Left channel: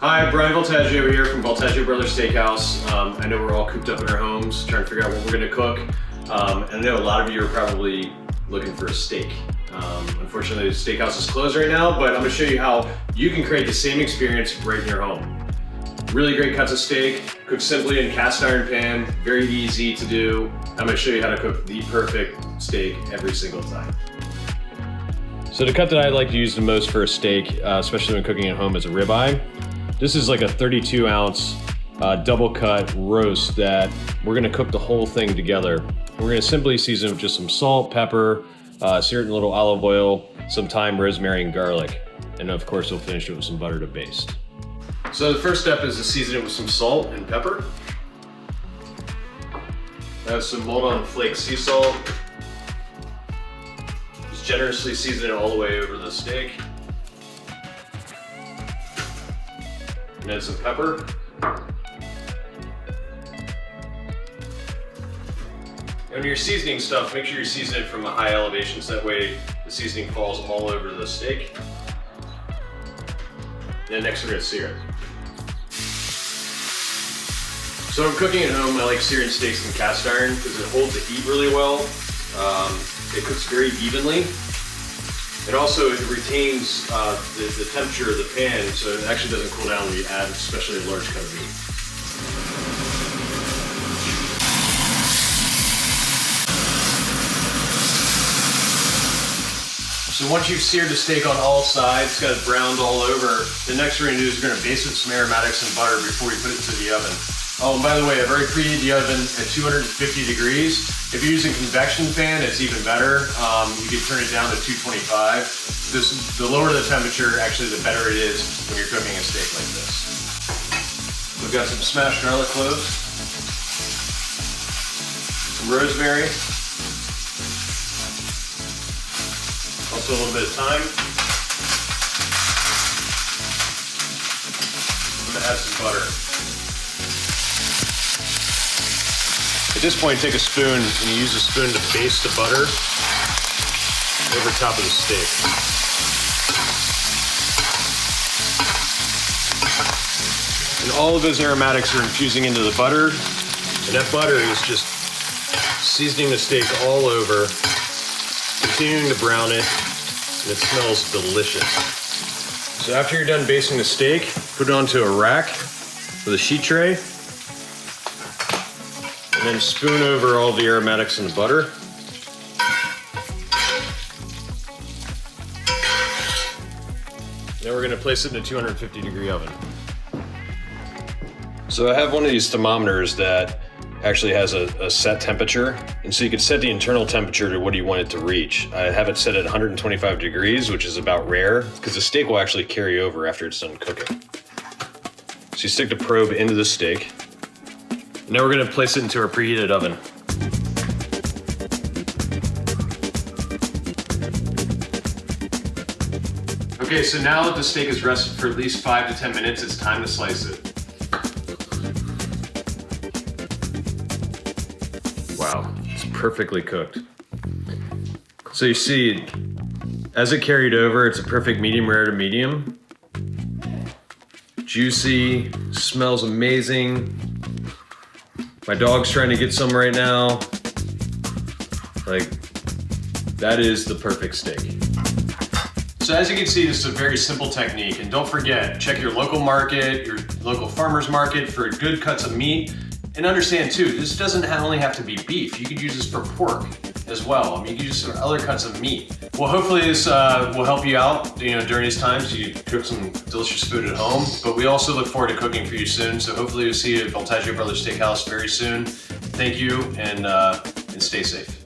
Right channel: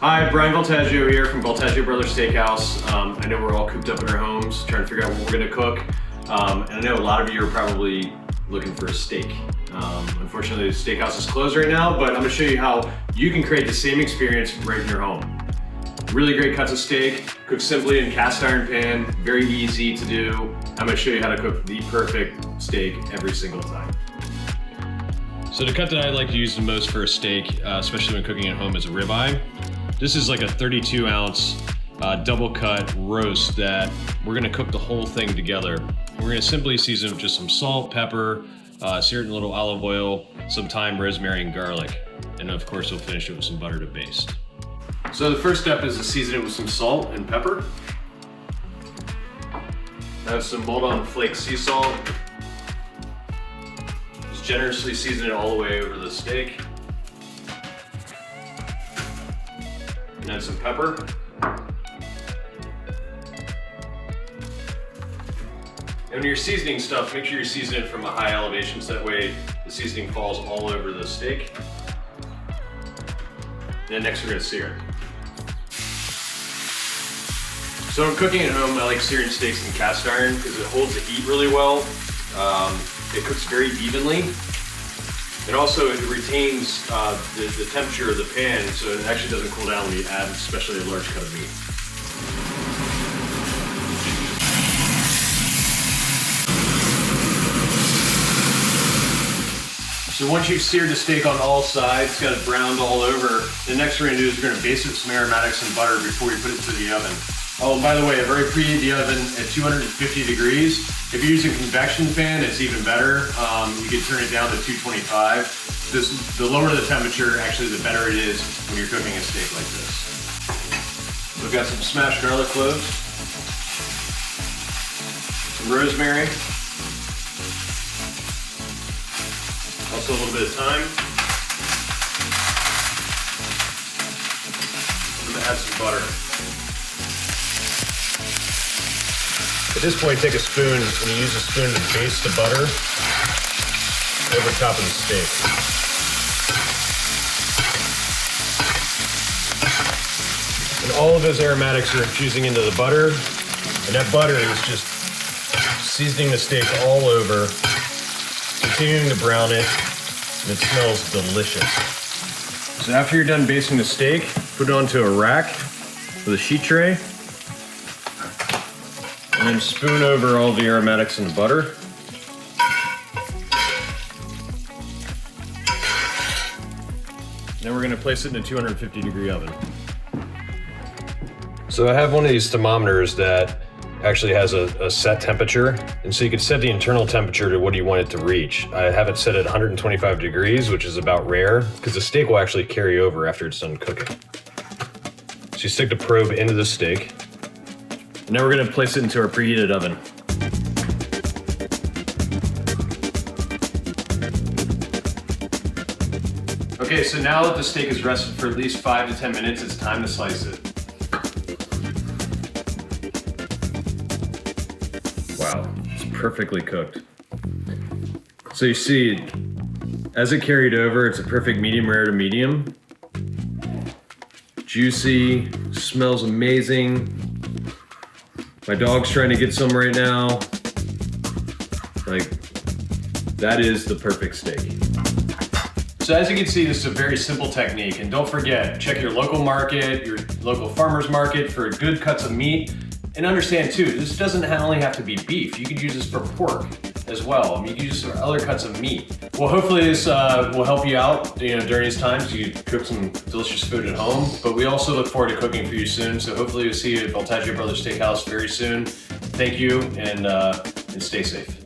Hi, Bryan Voltaggio here from Voltaggio Brothers Steak House. I know we're all cooped up in our homes trying to figure out what we're going to cook. And I know a lot of you are probably looking for a steak. Unfortunately, the steakhouse is closed right now, but I'm going to show you how you can create the same experience right in your home. Really great cuts of steak, cooked simply in cast iron pan, very easy to do. I'm going to show you how to cook the perfect steak every single time. So the cut that I like to use the most for a steak, especially when cooking at home, is a ribeye. This is like a 32 ounce double cut roast that we're gonna cook the whole thing together. And we're gonna simply season it with just some salt, pepper, sear it in a little olive oil, some thyme, rosemary, and garlic. And of course, we'll finish it with some butter to baste. So the first step is to season it with some salt and pepper. I have some Moldon flake sea salt. Just generously season it all the way over the steak. And then some pepper. And when you're seasoning stuff, make sure you season it from a high elevation so that way the seasoning falls all over the steak. Then next we're gonna sear it. So when I'm cooking at home, I like searing steaks in cast iron because it holds the heat really well. It cooks very evenly. It also retains the temperature of the pan, so it actually doesn't cool down when you add especially a large cut of meat. So once you've seared the steak on all sides, got it browned all over, the next thing we're gonna do is we're gonna baste it with some aromatics and butter before we put it into the oven. Oh, and by the way, I've already preheated the oven at 250 degrees. If you're using convection fan, it's even better. You can turn it down to 225. The lower the temperature, actually, the better it is when you're cooking a steak like this. We've got some smashed garlic cloves, some rosemary, also a little bit of thyme. I'm gonna add some butter. At this point, take a spoon and you use a spoon to baste the butter over top of the steak. And all of those aromatics are infusing into the butter, and that butter is just seasoning the steak all over, continuing to brown it, and it smells delicious. So after you're done basting the steak, put it onto a rack with a sheet tray, and then spoon over all the aromatics and the butter. Then we're gonna place it in a 250 degree oven. So I have one of these thermometers that actually has a set temperature, and so you could set the internal temperature to what you want it to reach. I have it set at 125 degrees, which is about rare, because the steak will actually carry over after it's done cooking. So you stick the probe into the steak. Now we're gonna place it into our preheated oven. Okay, so now that the steak is rested for at least 5 to 10 minutes, it's time to slice it. Wow, it's perfectly cooked. So you see, as it carried over, it's a perfect medium rare to medium. Juicy, smells amazing. My dog's trying to get some right now. Like, that is the perfect steak. So as you can see, this is a very simple technique. And don't forget, check your local market, your local farmer's market for good cuts of meat. And understand too, this doesn't only have to be beef. You could use this for pork as well. I mean, you can use this for other cuts of meat. Well, hopefully this will help you out, during these times. You can cook some delicious food at home. But we also look forward to cooking for you soon. So hopefully we'll see you at Voltaggio Brothers Steak House very soon. Thank you, and stay safe.